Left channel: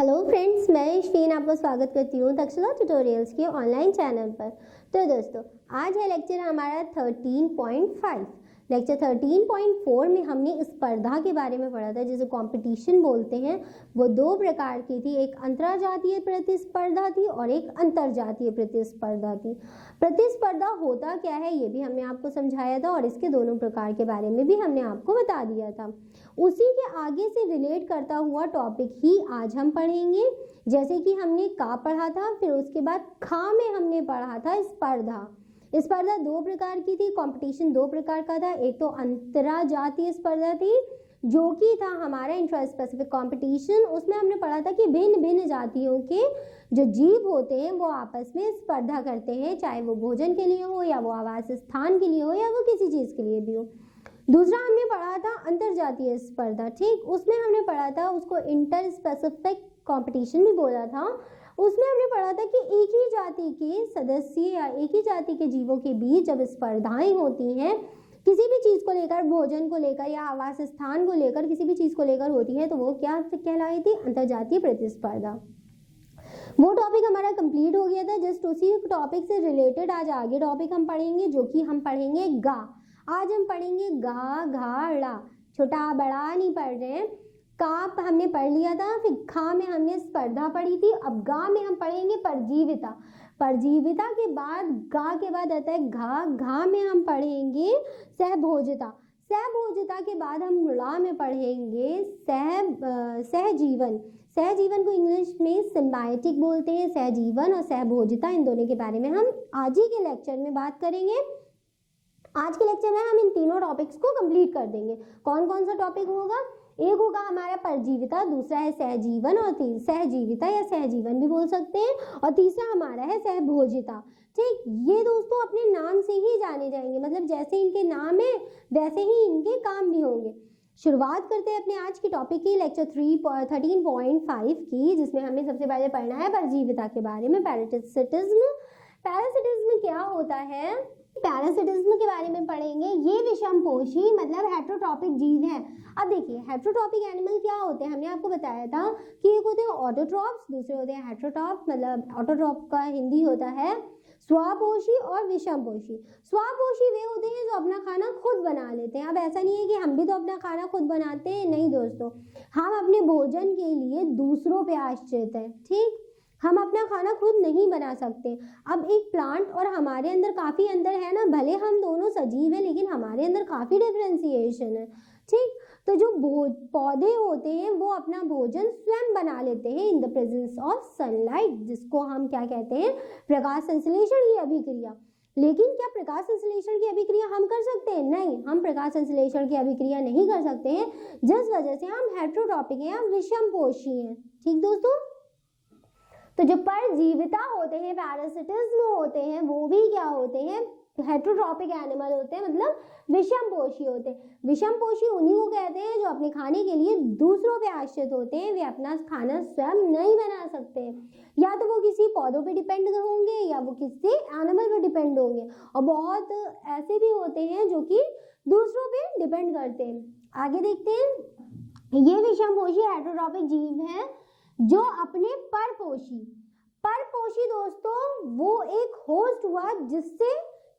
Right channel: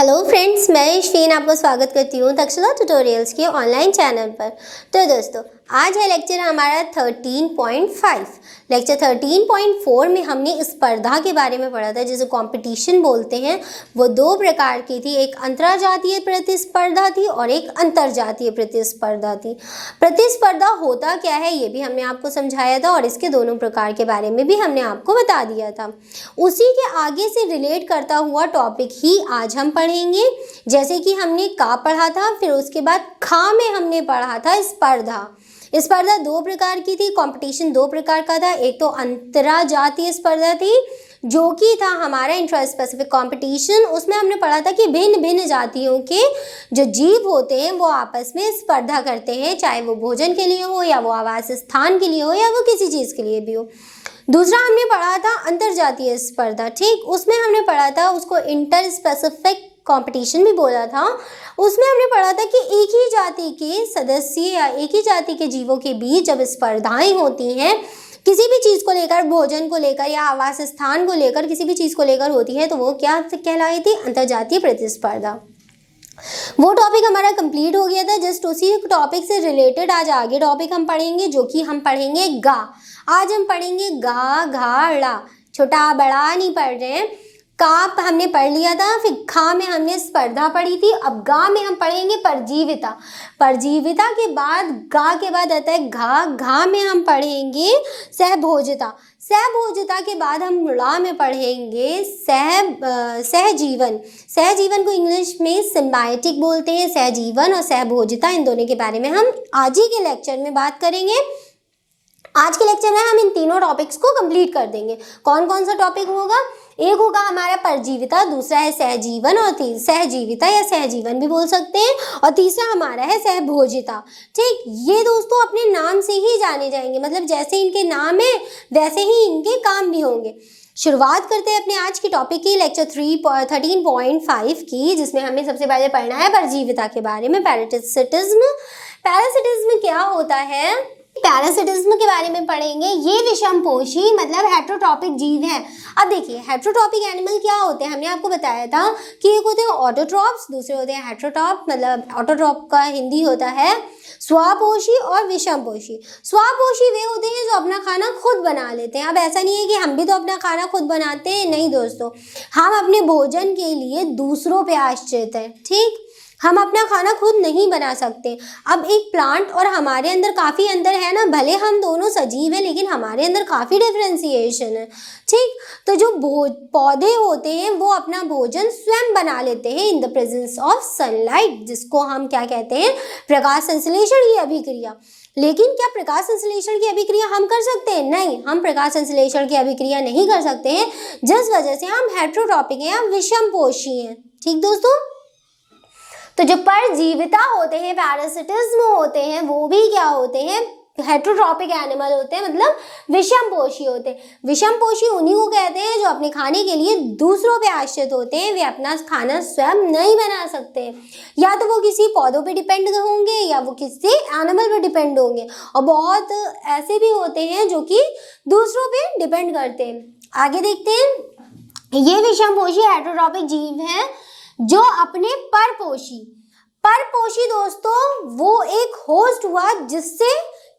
Hello friends, मैं यशवीन आपको स्वागत करती हूँ तक्षशिला ट्यूटोरियल्स के ऑनलाइन चैनल पर। तो दोस्तों, आज है लेक्चर हमारा 13.5। लेक्चर 13.4 में हमने स्पर्धा के बारे में पढ़ा था, जिसे कंपटीशन बोलते हैं। वो दो प्रकार की थी, एक अंतर्जातीय प्रतिस्पर्धा थी और एक अंतर्जातीय प्रतिस्पर्धा थी। प्रतिस्पर्धा होता क्या है ये भी हमने आपको समझाया था और इसके दोनों प्रकार के बारे में भी हमने आपको बता दिया था। उसी के आगे से रिलेट करता हुआ टॉपिक ही आज हम पढ़ेंगे। जैसे कि हमने का पढ़ा था, फिर उसके बाद खा में हमने पढ़ा था स्पर्धा। स्पर्धा दो प्रकार की थी, कंपटीशन दो प्रकार का था। एक तो अंतर्जातीय स्पर्धा थी, जो कि था हमारा इंट्रा स्पेसिफिक कंपटीशन। उसमें हमने पढ़ा था कि भिन्न भिन्न जातियों के जो जीव होते हैं वो आपस में स्पर्धा करते हैं, चाहे वो भोजन के लिए हो या वो आवास स्थान के लिए हो या वो किसी चीज़ के लिए भी हो। दूसरा हमने पढ़ा था अंतर्जातीय स्पर्धा, ठीक। उसमें हमने पढ़ा था, उसको इंटर स्पेसिफिक कंपटीशन भी बोला था। उसमें हमने पढ़ा था कि एक ही जाति के सदस्य या एक ही जाति के जीवों के बीच जब स्पर्धाएं होती हैं, किसी भी चीज़ को लेकर, भोजन को लेकर या आवास स्थान को लेकर, किसी भी चीज़ को लेकर होती है, तो वो क्या कहलाई थी? अंतर्जातीय प्रतिस्पर्धा। वो टॉपिक हमारा कंप्लीट हो गया था। जस्ट उसी टॉपिक से रिलेटेड आज आगे टॉपिक हम पढ़ेंगे, जो कि हम पढ़ेंगे गा। आज हम पढ़ेंगे गा, घा, ड़ा। छोटा बड़ा नहीं पढ़ रहे हैं। का हमने पढ़ लिया था, फिर खा में हमने स्पर्धा पढ़ी थी। अब गा में हम पढ़ेंगे परजीविता। परजीविता के बाद गा के बाद आता है घा। घा में हम पढ़ेंगे सहभोजिता। सहभोजिता के बाद हम ड़ा में पढ़ेंगे सहजीवन। सहजीवन को इंग्लिश में सिम्बायोटिक बोलते हैं। सहजीवन और सहभोजिता, इन दोनों के बारे में हम आज ही के लेक्चर में बात करेंगे। आज के लेक्चर में हम इन तीनों टॉपिक्स को कंप्लीट कर देंगे। कौन कौन सा टॉपिक होगा? एक होगा हमारा परजीविता, दूसरा है सहजीवन और सहजीविता या सहजीवन भी बोल सकते हैं, और तीसरा हमारा है सहभोजिता, ठीक। ये दोस्तों अपने नाम से ही जाने जाएंगे, मतलब जैसे इनके नाम है वैसे ही इनके काम भी होंगे। शुरुआत करते हैं अपने आज की टॉपिक की, लेक्चर 13.5 की, जिसमें हमें सबसे पहले पढ़ना है परजीविता के बारे में, पैरासिटिज्म। पैरासिटिज्म क्या होता है? पैरासिटिज्म के बारे में पढ़ेंगे। ये विषमपोषी मतलब हेट्रोट्रॉपिक जीव है। अब देखिए, हेट्रोट्रॉपिक एनिमल क्या होते हैं? हमने आपको बताया था कि एक होते हैं ऑटोट्रॉप्स, दूसरे होते हैं हेट्रोट्रॉप। मतलब ऑटोट्रॉप का हिंदी होता है स्वापोषी और विषमपोषी। स्वापोषी वे होते हैं जो अपना खाना खुद बना लेते हैं। अब ऐसा नहीं है कि हम भी तो अपना खाना खुद बनाते हैं, नहीं दोस्तों, हम अपने भोजन के लिए दूसरों पे आश्रित हैं, ठीक। हम अपना खाना खुद नहीं बना सकते। अब एक प्लांट और हमारे अंदर काफ़ी अंतर है ना, भले हम दोनों सजीव हैं लेकिन हमारे अंदर काफ़ी डिफ्रेंसिएशन है, ठीक। तो जो पौधे होते हैं वो अपना भोजन स्वयं बना लेते हैं in the presence of sunlight, जिसको हम क्या कहते हैं? प्रकाश संश्लेषण की अभिक्रिया। लेकिन क्या प्रकाश संश्लेषण की अभिक्रिया हम कर सकते हैं? नहीं, हम प्रकाश संश्लेषण की अभिक्रिया नहीं कर सकते हैं, जिस वजह से हम हेट्रोट्रॉपिक हैं या विषमपोषी हैं, ठीक दोस्तों। तो जो परजीविता होते हैं, पैरासिटिज्म होते हैं, वो भी क्या होते हैं? हेट्रोट्रॉपिक एनिमल होते हैं, मतलब विषमपोषी होते हैं। विषमपोषी उन्हीं को कहते हैं जो अपने खाने के लिए दूसरों पे आश्रित होते हैं। वे अपना खाना स्वयं नहीं बना सकते, या तो वो किसी पौधों पे डिपेंड होंगे या वो किसी एनिमल पे डिपेंड होंगे, और बहुत ऐसे भी होते हैं जो कि दूसरों पे डिपेंड करते हैं। आगे देखते हैं। ये विषमपोषी हेट्रोट्रॉपिक जीव हैं जो अपने परपोषी दोस्तों, वो एक होस्ट हुआ जिससे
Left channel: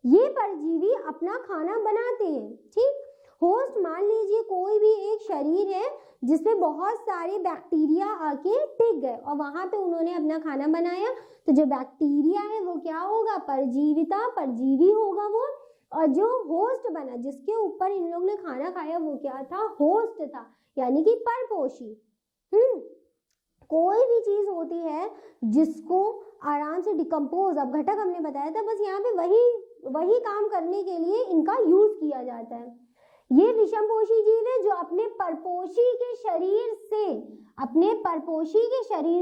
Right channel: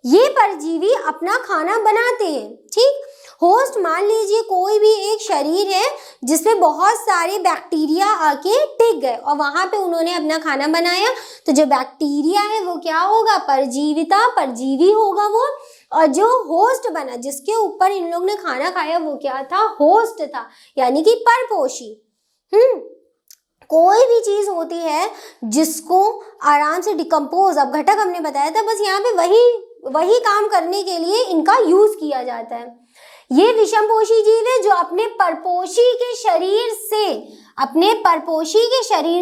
ये परजीवी अपना खाना बनाते हैं, ठीक। होस्ट मान लीजिए कोई भी एक शरीर है जिसमें बहुत सारे बैक्टीरिया आके टिक गए और वहां पे उन्होंने अपना खाना बनाया, तो जो बैक्टीरिया है वो क्या होगा? परजीवी होगा वो। और जो होस्ट बना, जिसके ऊपर इन लोग ने खाना खाया, वो क्या था? होस्ट था, यानी कि परपोषी। कोई भी चीज़ होती है जिसको आराम से डिकम्पोज, अब घटक हमने बताया था, बस यहाँ पे वही काम करने के लिए इनका यूज किया जाता है। ये विषमपोषी जीव है जो अपने परपोषी के शरीर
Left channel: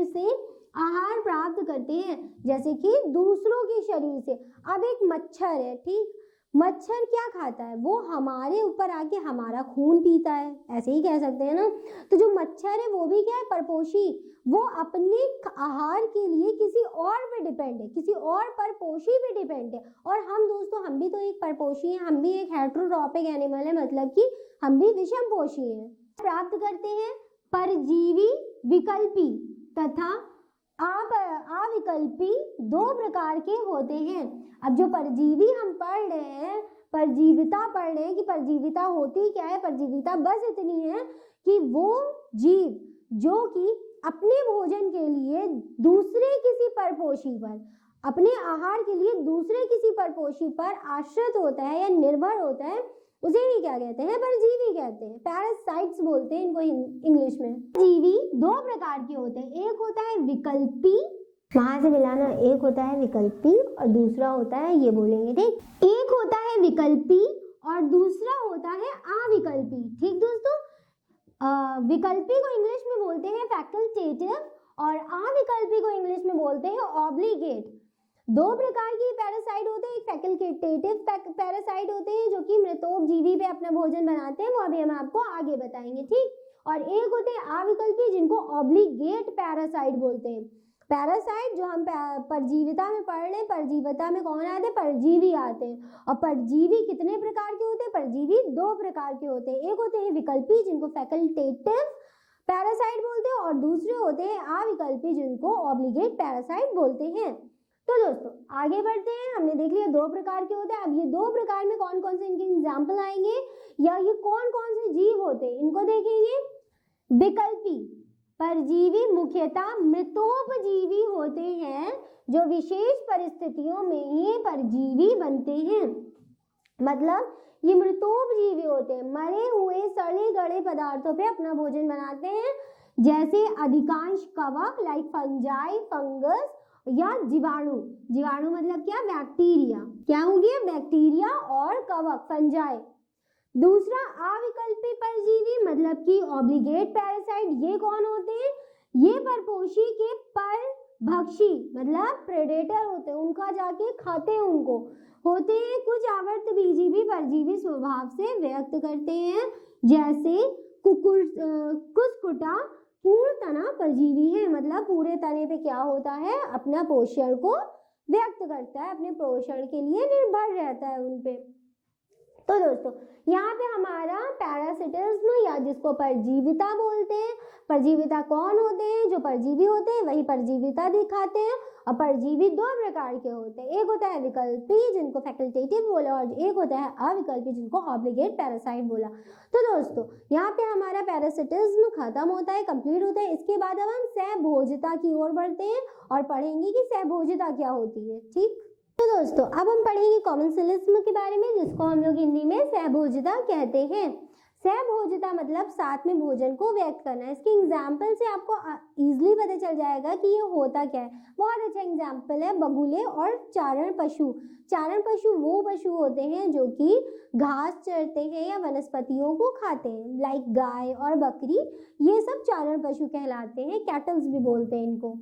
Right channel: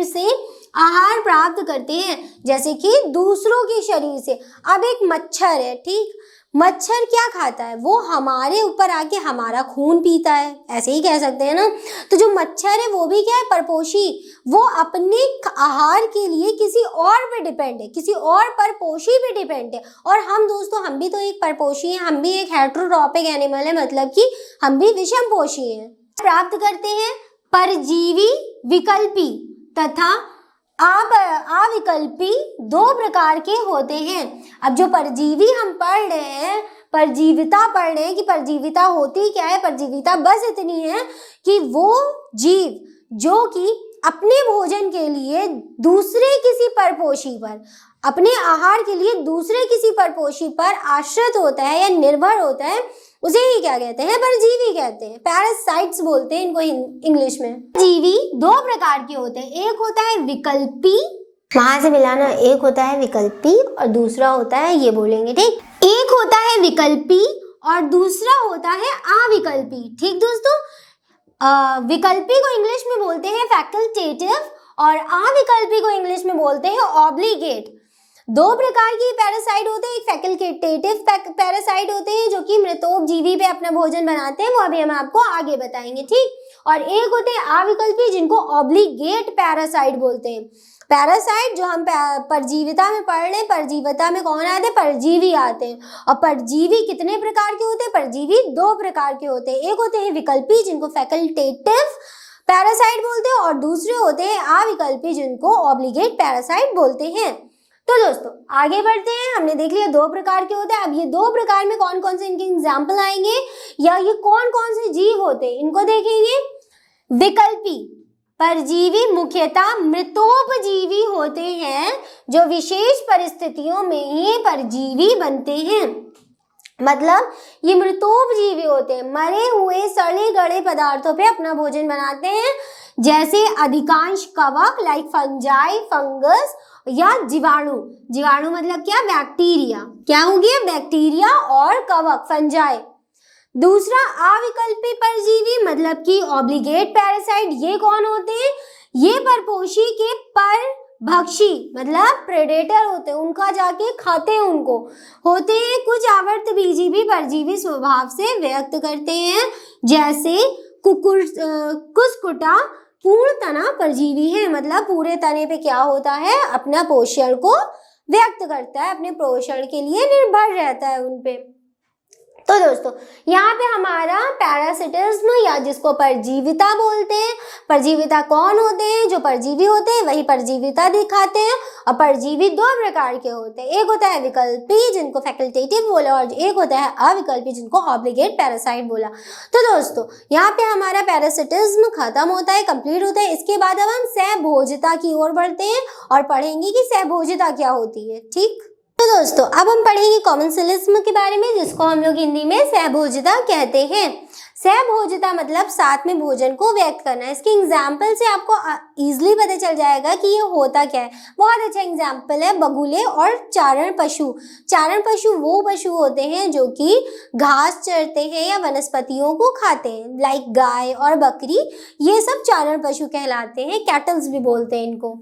से आहार प्राप्त करते हैं, जैसे कि दूसरों के शरीर से। अब एक मच्छर है, ठीक। मच्छर क्या खाता है? वो हमारे ऊपर आके हमारा खून पीता है, ऐसे ही कह सकते हैं ना। तो जो मच्छर है वो भी क्या है? परपोषी। वो अपने आहार के लिए किसी और पे डिपेंड है, किसी और परपोषी पे डिपेंड है। और हम दोस्तों, हम भी तो एक परपोषी हैं, हम भी एक हेट्रोट्रॉपिक एनिमल है, मतलब कि हम भी विषमपोषी हैं। प्राप्त करते हैं परजीवी विकल्पी तथा अविकल्पी दो प्रकार के होते हैं। अब जो परजीवी हम पढ़ रहे हैं, परजीविता पढ़ रहे हैं कि परजीविता होती क्या है। परजीविता बस इतनी है कि वो जीव जो कि अपने भोजन के लिए दूसरे किसी परपोषी पर, अपने आहार के लिए दूसरे किसी परपोषी पर आश्रित होता है या निर्भर होता है, उसे ही क्या कहते हैं, परजीवी कहते हैं। पैरासाइट्स बोलते हैं इनको इंग्लिश में। जीवी दो प्रकार के होते हैं, एक होता है विकल्पी, वहां से मिलाना, एक होता है विकल्पी और दूसरा होता है, ये बोलेंगे ठीक, एक होता है विकल्पी और दूसरा होता है अविकल्पी। ठीक दोस्तों, विकल्पी को इंग्लिश में बोलते हैं फैकल्टेटिव और अविकल्पी को इंग्लिश में बोलते हैं ऑब्लिगेट। दो प्रकार की पैरासाइट होते हैं, एक फैकल्टेटिव पैरासाइट होते हैं जो कि मृतोपजीवी पे अपना भोजन बनाते हैं, वो अभी हम आपको आगे बताएंगे ठीक। और एक होते हैं अविकल्पी जिनको ऑब्लिगेट पैरासाइट बोलते हैं। पैरासाइट जो हम परजीविता में पढ़ रहे हैं, परजीविता में कौन आते हैं, परजीवी आते हैं। और परजीवी कितने प्रकार के होते हैं, परजीवी दो प्रकार के होते हैं, एक होते हैं विकल्पी जिनको फैकल्टेटिव पैरासाइट बोलते हैं और दूसरे होते हैं अविकल्पी जिनको ऑब्लिगेट पैरासाइट बोलते हैं। तो दोस्तों आगे बढ़ते हैं, हमने देख लिया दो प्रकार के होते हैं। अब ये दो प्रकार में कौन कौन से इनके एग्जाम्पल आएंगे या ये कौन कौन से जीव होते हैं इनको देखेंगे। विकल्पी परजीवी मुख्यतः मृतोपजीवी होते हैं जो विशेष परिस्थितियों में ही परजीवी बनते हैं। मतलब ये मृतोपजीवी होते हैं, मरे हुए सड़े गले पदार्थों पे अपना भोजन बनाते हैं, जैसे अधिकांश कवक लाइक फंजाई, फंगस या जीवाणु। जीवाणु मतलब क्या, बैक्टीरिया। क्या हो गया, बैक्टीरिया और कवक, फंजाई। दूसरा अविकल्पी परजीवी मतलब कि ऑब्लिगेट पैरासाइट, ये कौन होते हैं, ये परपोषी के परभक्षी मतलब प्रेडेटर होते हैं, उनका जाके खाते हैं उनको, होते हैं। कुछ आवर्तबीजी भी परजीवी स्वभाव से व्यक्त करते हैं, जैसे कुस्कुटा पूर्ण तना परजीवी है, मतलब पूरे तने पे क्या होता है, अपना पोषण को व्यक्त करता है, अपने पोषण के लिए निर्भर रहता है उनपे। तो दोस्तों यहाँ पे हमारा पैरासिटिज्म या जिसको परजीविता बोलते हैं, परजीविता कौन होते हैं, जो परजीवी होते हैं वही परजीविता दिखाते हैं। और परजीवी दो प्रकार के होते हैं, एक होता है विकल्पी जिनको फैकल्टेटिव बोला और एक होता है अविकल्पी जिनको ऑब्लिगेट पैरासाइट बोला। तो दोस्तों यहाँ पे हमारा पैरासिटिज्म खत्म होता है, कंप्लीट होता है। इसके बाद अब हम सहभोजिता की ओर बढ़ते हैं और पढ़ेंगे कि सहभोजिता क्या होती है। ठीक, तो दोस्तों अब हम पढ़ेंगे कॉमेंसलिज्म के बारे में, जिसको हम लोग हिंदी में सहभोजिता कहते हैं। सहभोजिता मतलब साथ में भोजन को व्यक्त करना है। इसके एग्जाम्पल से आपको इजीली पता चल जाएगा कि ये होता क्या है। बहुत अच्छा एग्जाम्पल है बगुले और चारण पशु। चारण पशु वो पशु होते हैं जो कि घास चरते हैं या वनस्पतियों को खाते हैं, लाइक गाय और बकरी, ये सब चारण पशु कहलाते हैं, कैटल्स भी बोलते हैं इनको।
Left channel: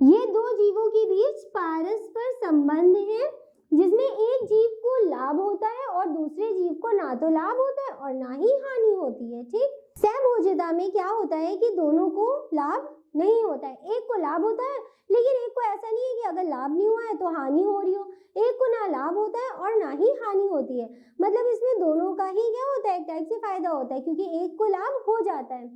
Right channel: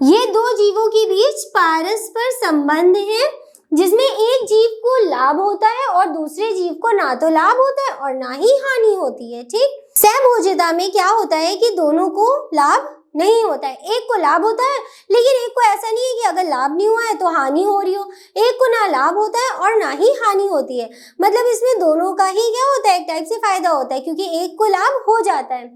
ये दो जीवों के बीच परस्पर संबंध है, जिसमें एक जीव को लाभ होता है और दूसरे जीव को ना तो लाभ होता है और ना ही हानि होती है। ठीक, सहभोजिता में क्या होता है कि दोनों को लाभ नहीं होता है, एक को लाभ होता है लेकिन एक को ऐसा नहीं है कि अगर लाभ नहीं हुआ है तो हानि हो रही हो, एक को ना लाभ होता है और ना ही हानि होती है। मतलब इसमें दोनों का ही क्या होता है, एक टाइप से फायदा होता है क्योंकि एक को लाभ हो जाता है।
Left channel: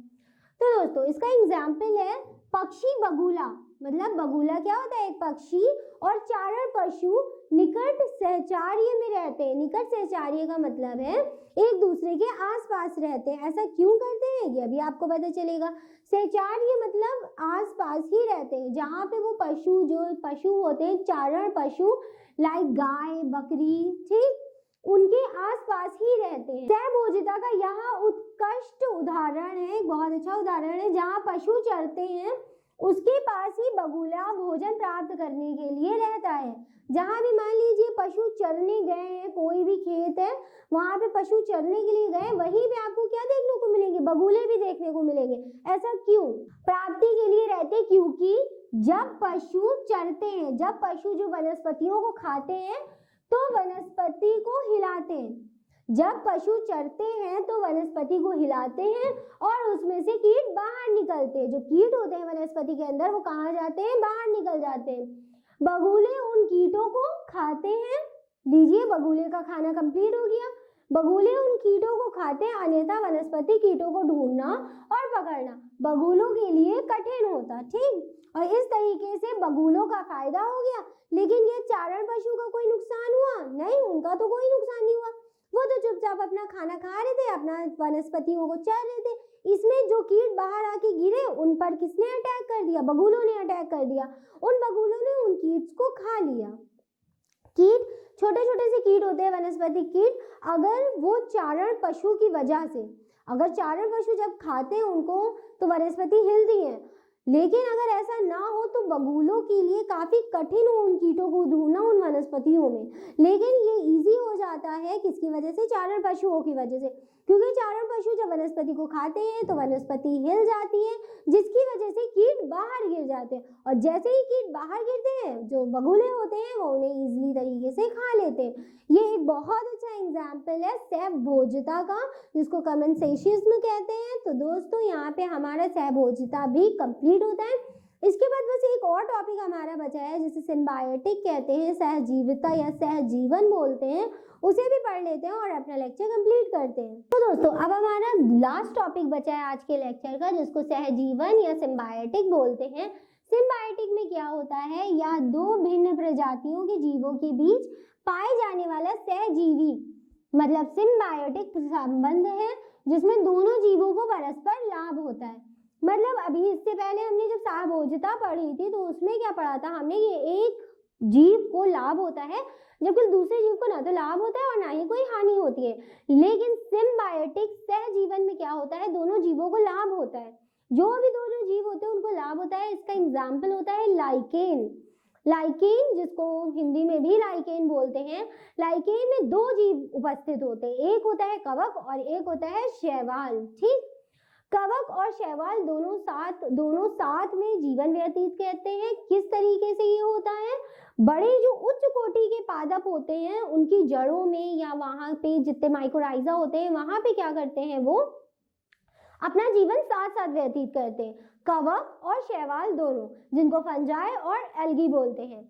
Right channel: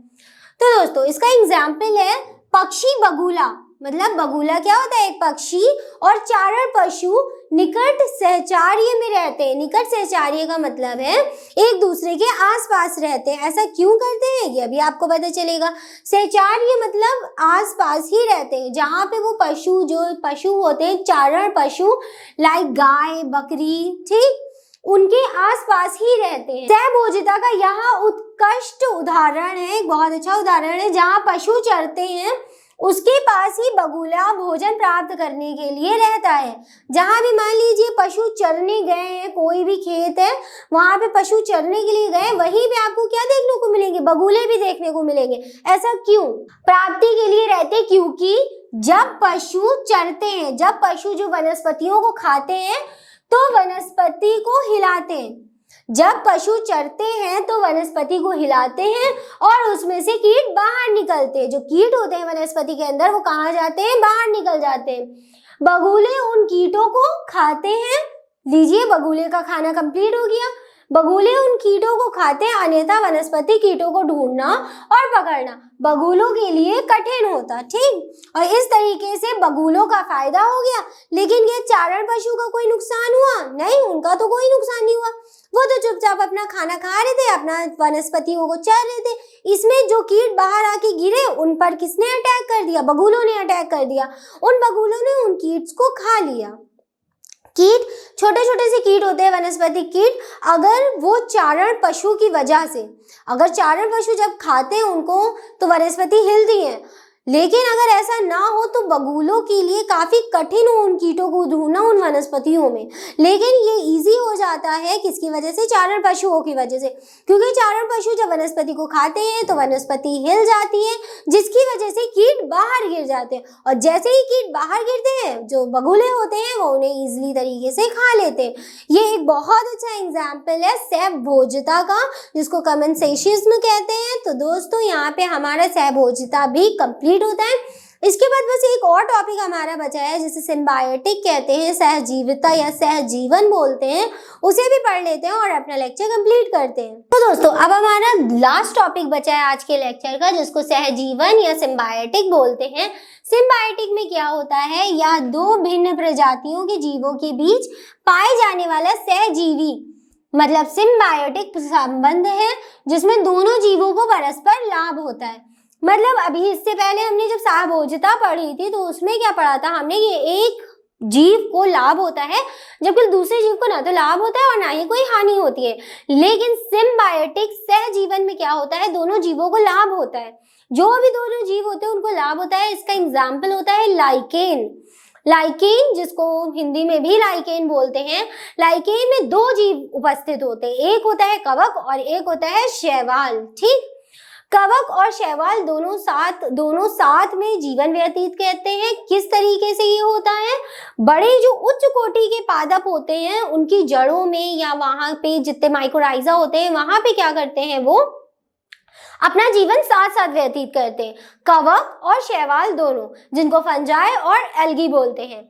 तो दोस्तों इसका एग्जाम्पल है पक्षी बगुला। मतलब बगुला क्या होता है, एक पक्षी, और चारण पशु निकट सहचार्य में रहते हैं। निकट सहचार्य का मतलब है एक दूसरे के आसपास रहते हैं। ऐसा क्यों करते हैं ये अभी आपको पता चलेगा। सहचार्य मतलब आसपास ही रहते हैं, जहाँ पे वो पशु, जो पशु होते हैं चारण पशु लाइक गाय बकरी, ठीक, उनके आसपास ही रहते हैं। सहभोजिता का यहाँ उत्कृष्ट उदाहरण है, एक बहुत अच्छा उदाहरण है, जहाँ पशु चरते हैं उसके पास ही बगुला भोजन प्राप्त करने के लिए रहता है। जहाँ भी मान लीजिए पशु चरने गए हैं, कोई भी खेत है वहाँ पे पशु चरने के लिए गए, वहीं पे आपको क्या देखने को मिलेंगे, बगुले भी देखने को मिलेंगे। ऐसा क्यों, प्राप्ति के लिए रहते, क्योंकि जब पशु चरते हैं, जब पशु जो वनस्पतियों को खाते हैं तो वनस्पति को हिलाते हैं। जब पशु चरते हैं तो वनस्पति को हिलाते हैं और उसमें से कीट बाहर निकलते हैं। जो कीट होते हैं वनस्पति के अंदर वो कहाँ जाते हैं, बाहर निकल जाते हैं। बगुले उन कीटों को खाते हैं। लीजिए बगुले का खाना कंप्लीट हो गया। बगुले उन कीटों को खाते हैं, अन्यथा वनस्पति कीटों को ढूंढना और पकड़ना बगुलों के लिए कठिन होता। ठीक, और इस तरीके से बगुलों का फायदा हो गया, लेकिन क्या चारण पशु का कोई नुकसान हुआ? नहीं, उनका तो कोई नुकसान नहीं हुआ। वो तो चुपचाप अपना खाना खा रहे थे, अपना वनस्पतियों को चर रहे थे। इसमें जो कीट बाहर आके गिरे उन पर किसने अटैक कर दिया? बगुलों ने अटैक कर दिया। उन बगुलों ने उन कीट्स को खा लिया। कीट छोटे छोटे से कीट होते हैं, वनस्पति कीट। अगर वो चारण पशु की वजह से, अगर चारण पशु जब खाते हैं उनको तो वनस्पति हिलती है, लेकिन अगर ऐसा ना हो तो बगुलों के लिए काफी कठिन हो उन कीटों को ढूंढना उन वनस्पतियों में। लेकिन ये इजी हो जाता है किसकी वजह से? चारण पशुओं की वजह से, क्योंकि चारण पशु जब वनस्पति को खाते हैं तो वनस्पति हिल जाती है, जिसकी वजह से कीट बाहर गिर जाते हैं। और जैसे ही कीट बाहर गिरते हैं, जो बगुले होते हैं वो उन्हें इजिली तरीके से खा लेते हैं। ये एक बहुत अच्छा एग्जाम्पल है सहभोज्यता का, जिसको कमेंसेशिज्म कहते हैं। तो दोस्तों यहाँ पे हमारा सहभोज्यता भी कंप्लीट होता है। इसके बाद बस एक और टॉपिक हमारा बचा है जिसे सिम्बायोटिक कहते हैं, सहजीविता या सहजीवन बोलते हैं, उसे भी पढ़ लेते हैं और अपना लेक्चर कंप्लीट करते हैं। तो दोस्तों अब हमारा लास्ट टॉपिक बचा है आज के लेक्चर का, जिसको सहजीवन या सिम्बायोटिक बोलते हैं। सिम्बायोटिक में क्या होता है? या दो भिन्न प्रजातियों के जीवों के बीच पाए जाने वाला सहजीवी, मतलब सिम्बायोटिक संबंध है जिसमें दोनों जीवों को परस्पर लाभ होता है। मतलब अभी इससे पहले हमने जब सहभोज्यता पढ़ी थी तो उसमें क्या पढ़ा था हमने? ये एक जीव को लाभ होता है जबकि दूसरे जीव को ना तो लाभ होता है और ना ही कोई हानि होती है। लेकिन सिम्बायोटिक सहजीवन में क्या होता है? दोनों जीवों को लाभ होता है। जो भी दोनों जीव होते हैं उनको लाभ होता है। इसका एग्जाम्पल होता है लाइकेन। लाइकेन, जिसको हिंदी में भी लाइकेन बोलते हैं। लाइकेन में दो जीव उपस्थित होते हैं, एक होता है कवक और एक होता है शैवाल। ठीक, कवक और शैवाल दोनों साथ में जीवन व्यतीत करते हैं। किस तरीके से ये होता है? बड़े जो उच्च कोटि के पादप होते हैं उनकी जड़ों में या वहां पे जितने माइकोराइजा होते हैं वहां पे क्या करते हैं? वो अपना जीवन साथ साथ व्यतीत करते हैं, कवक और शैवाल दोनों, जिनको फंजाई और एल्गी बोलते हैं।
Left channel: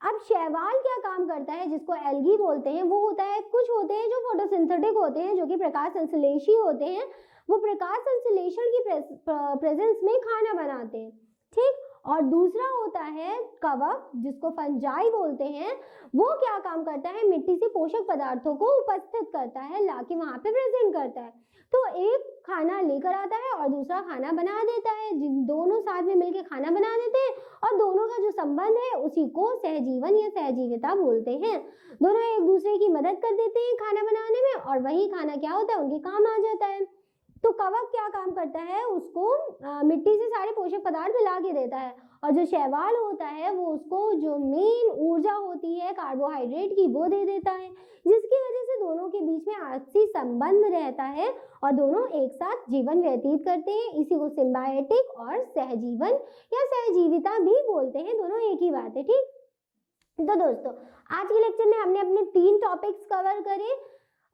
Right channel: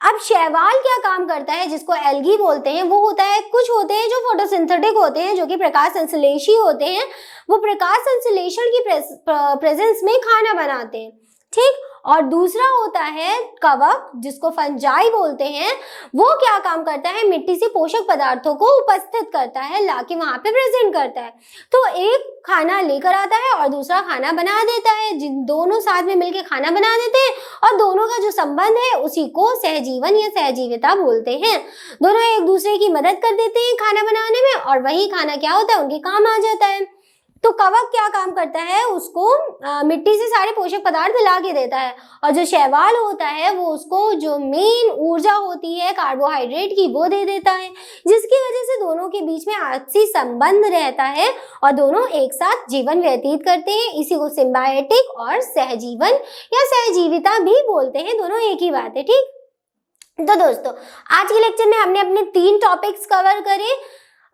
अब शैवाल क्या काम करता है जिसको एल्गी बोलते हैं? वो होता है, कुछ होते हैं जो फोटोसिंथेटिक होते हैं, जो कि प्रकाश संश्लेषी होते हैं। वो प्रकाश संश्लेषण की प्रेजेंस में खाना बनाते हैं। ठीक, और दूसरा होता है कवक, जिसको फंजाई बोलते हैं। वो क्या काम करता है? मिट्टी से पोषक पदार्थों को उपस्थित करता है, लाके वहां पे प्रेजेंट करता है। तो एक खाना लेकर आता है और दूसरा खाना बना देता है, जिन दोनों साथ में मिलकर खाना बना देते हैं और दोनों का जो संबंध है उसी को सहजीवन या सहजीविता बोलते हैं। दोनों एक दूसरे की मदद कर देते हैं खाना बनाने में और वही खाना क्या होता है? उनके काम आ जाता है। तो कवक क्या काम करता है? उसको मिट्टी से सारे पोषक पदार्थ ला के देता है, और जो शैवाल होता है वो उसको जो मेन ऊर्जा होती है कार्बोहाइड्रेट की वो दे देता है, जिसकी वजह से दोनों के बीच में आपसी संबंध रहता है और दोनों एक साथ जीवन व्यतीत करते हैं। इसी को सिम्बायोटिक और सहजीवन या सहजीविता भी बोलते हैं, दोनों एक ही बात है। ठीक, तो दोस्तों आज के लेक्चर में हमने अपने 3 टॉपिक्स कवर करे।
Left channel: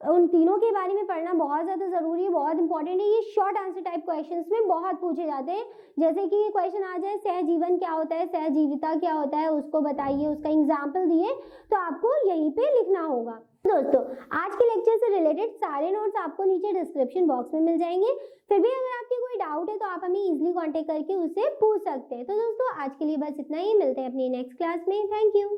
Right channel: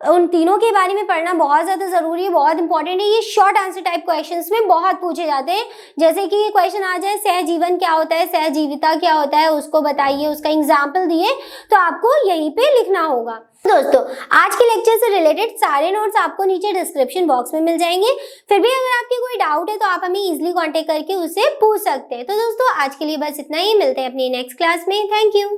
उन तीनों के बारे में पढ़ना बहुत ज़्यादा ज़रूरी है, बहुत इंपॉर्टेंट है। ये शॉर्ट आंसर टाइप क्वेश्चंस में बहुत पूछे जाते हैं। जैसे कि ये क्वेश्चन आ जाए सहजीवन क्या होता है, सहजीविता क्या होता है, उसको बताइए, उसका एग्जाम्पल दिए, तो आपको यहीं पे लिखना होगा। दोस्तों आज के लेक्चर से रिलेटेड सारे नोट्स आपको नीचे डिस्क्रिप्शन बॉक्स में मिल जाएंगे। फिर भी अगर आपके कोई डाउट है तो आप हमें इजीली कांटेक्ट करके उससे पूछ सकते हैं। तो दोस्तों आज के लिए बस इतना ही, मिलते हैं अपनी नेक्स्ट क्लास में। Thank you.